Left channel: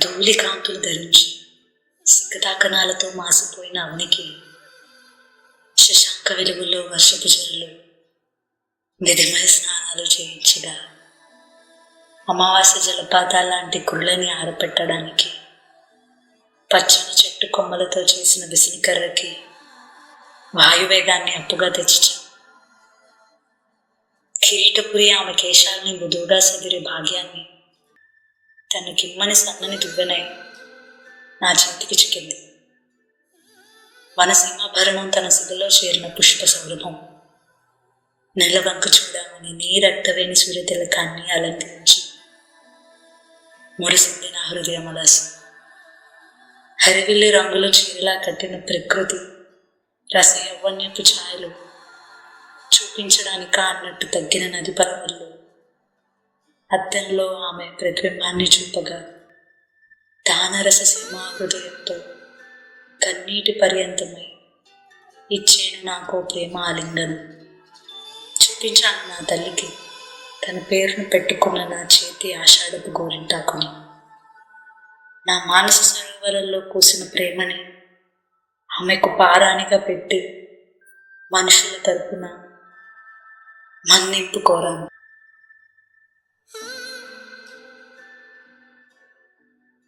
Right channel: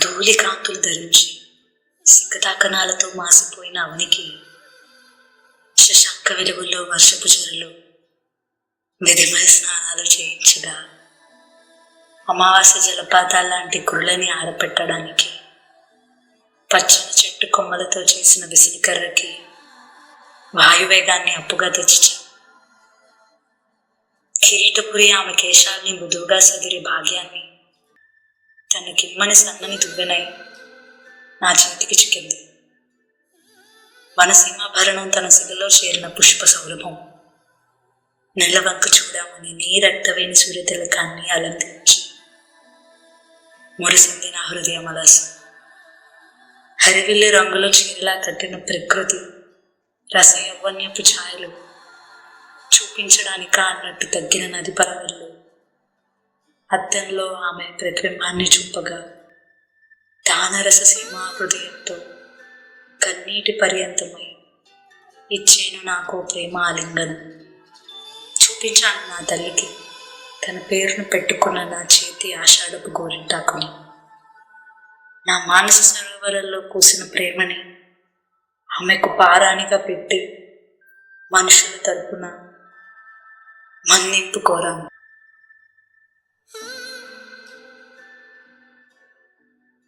ధూళికాంతులు ధరించి సిగ్గతాకనాలతో మాసిపోయిన అవనికి శశాంక వెలుగుల్లో వర్షపు చెరులు విధిమయ స్నానాలు చేయించగా అమావాస్య జలపాతాల లాంటి కురులని ఆరపెట్టడానికి పచ్చని చెట్టు కొమ్మలతో చేసిన విసినికర్రకి వాయువేగాన్ని అప్పుగా తెచ్చిచా. కిరీటపురి ఆమె కేశాల్ని మృదువుగా సదిరే భాగ్యాన్ని తన కిమ్మని సన్నని దువ్వెనై నా చేతికి చిక్కింది. వనసింహాభరణం తన సిగలో చేరిన పుష్ప సౌరభం నెలవంక చూడమని నీ రక్తవేణి సూర్యతిలకాన్ని అలంకరించి మురిసింది నా హృదయం అలస హరివిల్లి రంగులో చీరలా కట్టిన ప్రకృతి రస యవ్వన్యపు ఛాయలు చూపించడానిక అన్నట్టు తగ్గిన నది పరవళ్ళు అద్దంలో ఆమె ప్రతిబింబాన్ని చూపగా దానరస సీమా హృదయంతో కన్నీటి పర్యంతమై ఇచ్చేను నాకు ప్రేమ ఆలింగనం. చూపించాను నా తల్లికి తన పేరును పెట్టుకున్న నా చేతి ఆషాఢపు గోరింటాకుని. నా మానస సరోవరంలో కూసిన ప్రేమని ఆమెకు పారానిగా పెట్టి మనుషుల తరపున మన్నింపు కోరాను.